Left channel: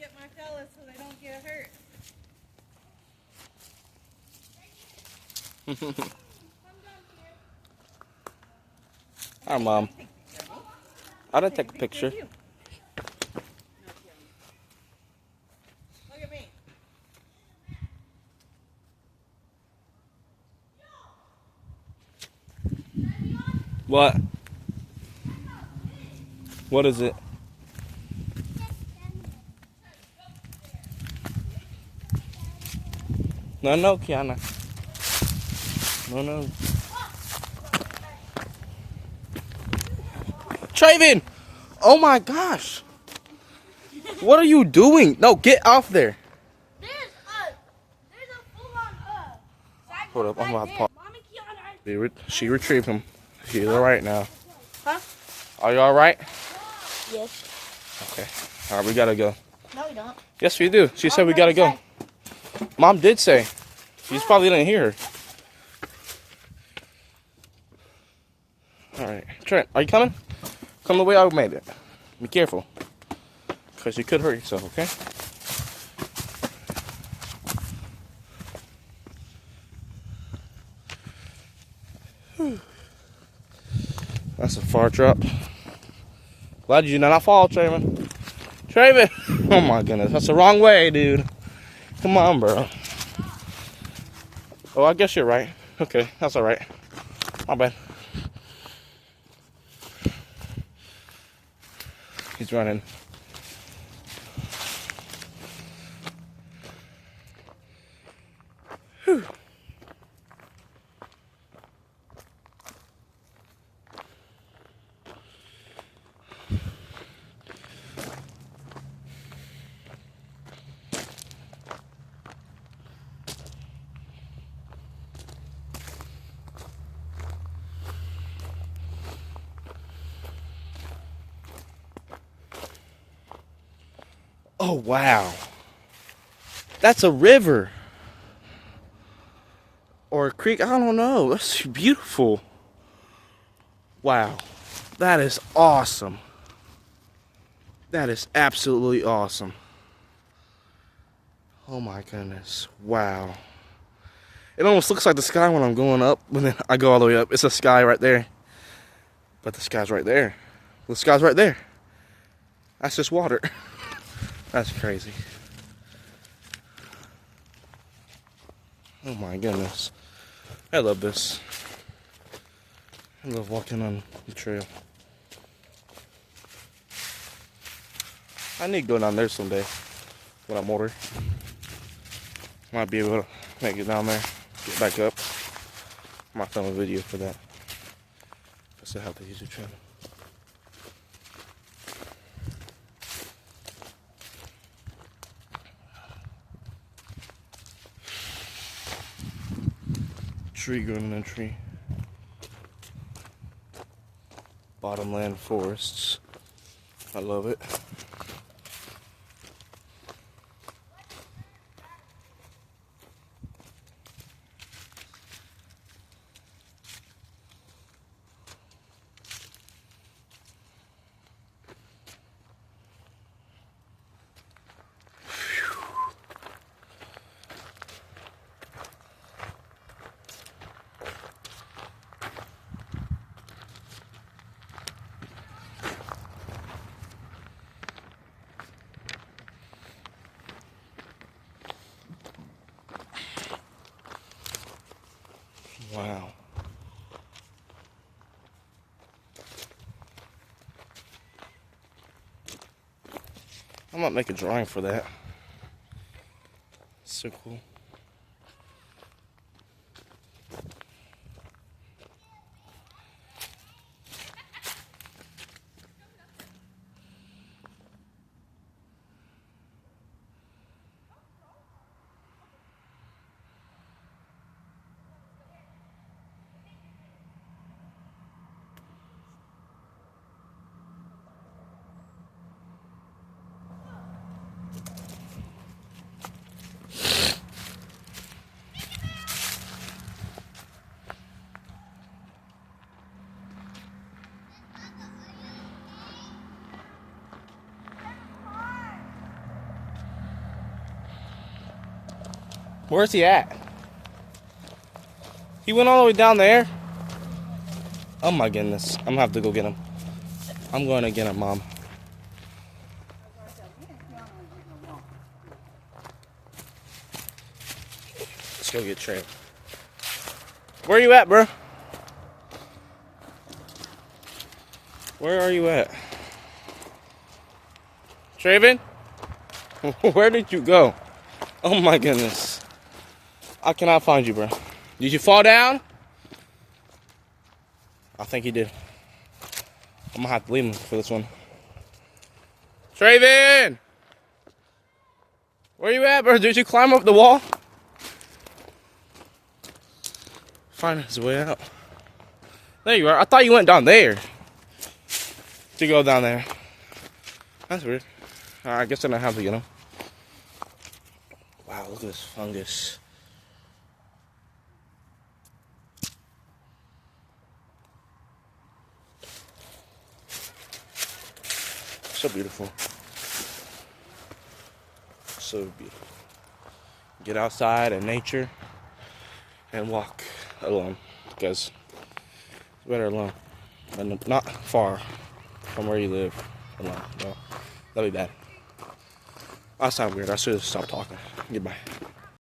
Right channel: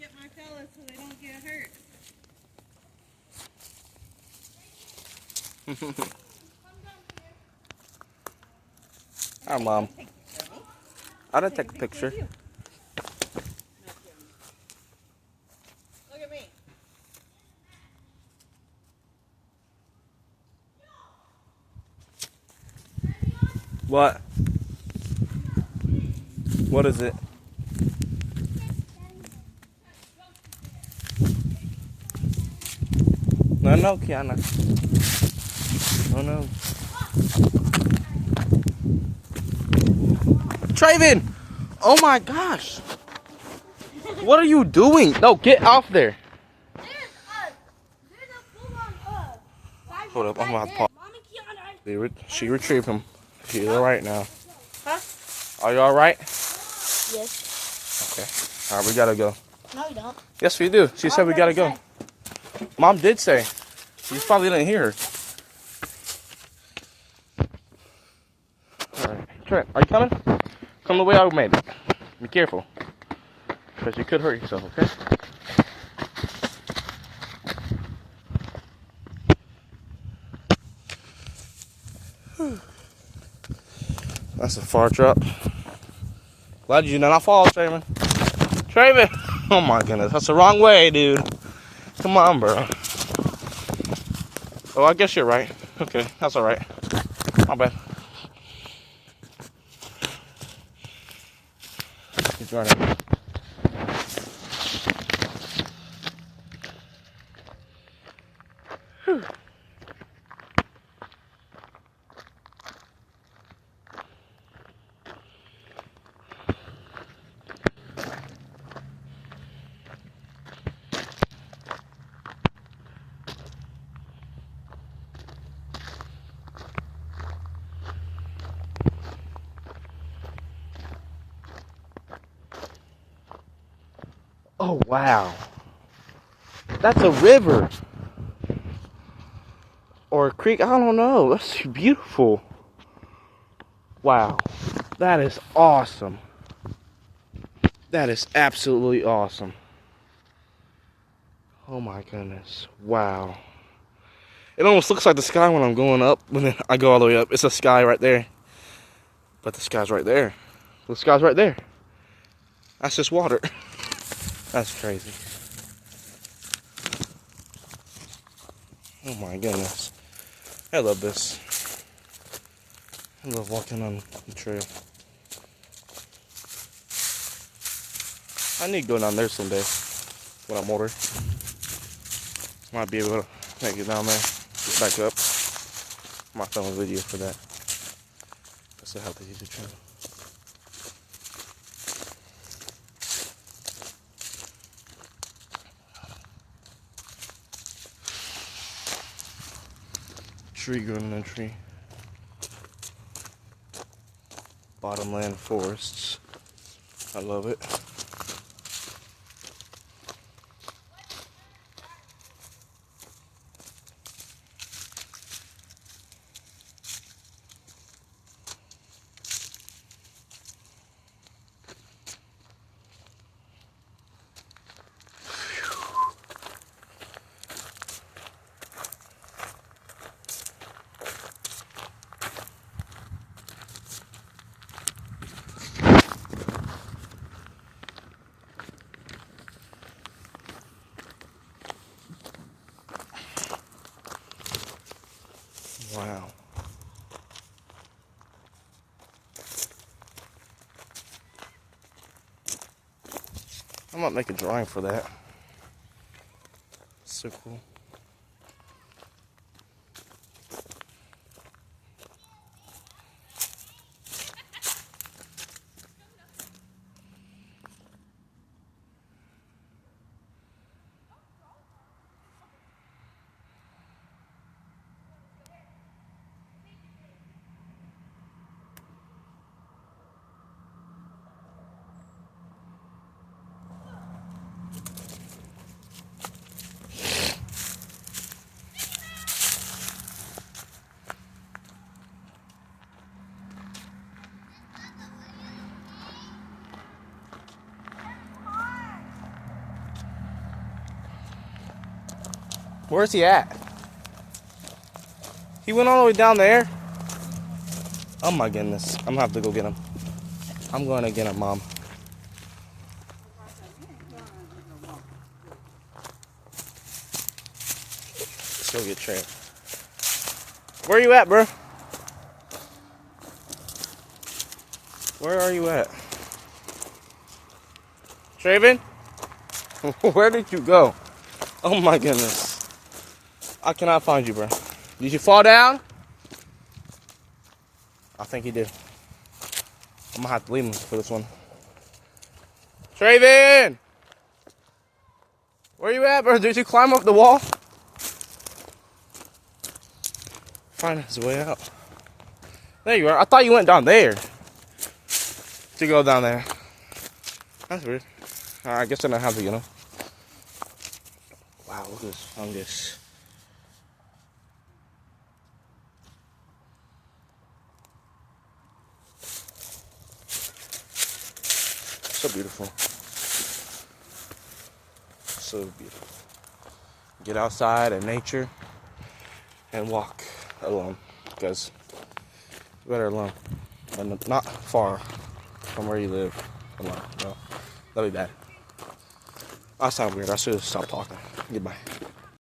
get my fellas so they don't get hurt. Hi, Mom. I didn't take a picture. Look at me. What? What is it? No, no, Kiana. No, no. Traven! Oh my gosh! What are you doing? No, get off there. There's a full-on Hold up, I'm about to pause. Mom and Kiana. She retrieved him. She's alright now. Huh? Are you alright? Yes. Okay. Alright, we gotta go. No, you don't. Yes, we do. She said we gotta go. Mom did say. You just probably didn't hear her. Alright. Trent, are you coming? Come the way I made it. Be careful. Because you could hurt yourself, okay? That's a far drop. Glad you did not fall, Traven. Traven! Oh my goodness, that's the wrong way, dude. Come on, bro. Oh, I guess you're right. Okay, that's alright. My bad. He's running. Whew. Oh, wow. That's a river. Or a creek. I don't know. That's beautiful. Wow. That is awesome. That is absolutely awesome. Oh my goodness. Wow. It almost looks like the sky when I'm going up. When then I go all the way up. It's the sky right there. But the sky's right there. The sky's right there. That's just water. That's crazy. Oh my goodness. I love this. I love walking on the trail. I need to go down there someday when I'm older. Might be able to make it down there, get back up. I might film a video for that. I still have to use the channel. Tree growing in a tree. Bottomland forests. I love it. Wow. I might make a drawing for that. So cool. Where's he at? He went all the way down there? Oh my goodness. I'm gonna have to go get him. I'm going to get him, Mom. Let's go get Trey. Where you at, bro? Where are you at? Traven? Where did you go? Oh my goodness. I cannot find you, bro. Did you fall down? I think he did. I'm gonna have to leave him for this one. Traven! Where you at, bro? Did you climb up the wall? Find his way out. There you are. I thought you went down there. To go down there. That's weird. I guess I don't have to get him. Wow, look at this fungus. So beautiful. So beautiful. Get outside in nature and walk alone, because it's better alone than not far from where you live alone. No, that'd be bad. I sound weird. I should have stopped talking. Goodbye.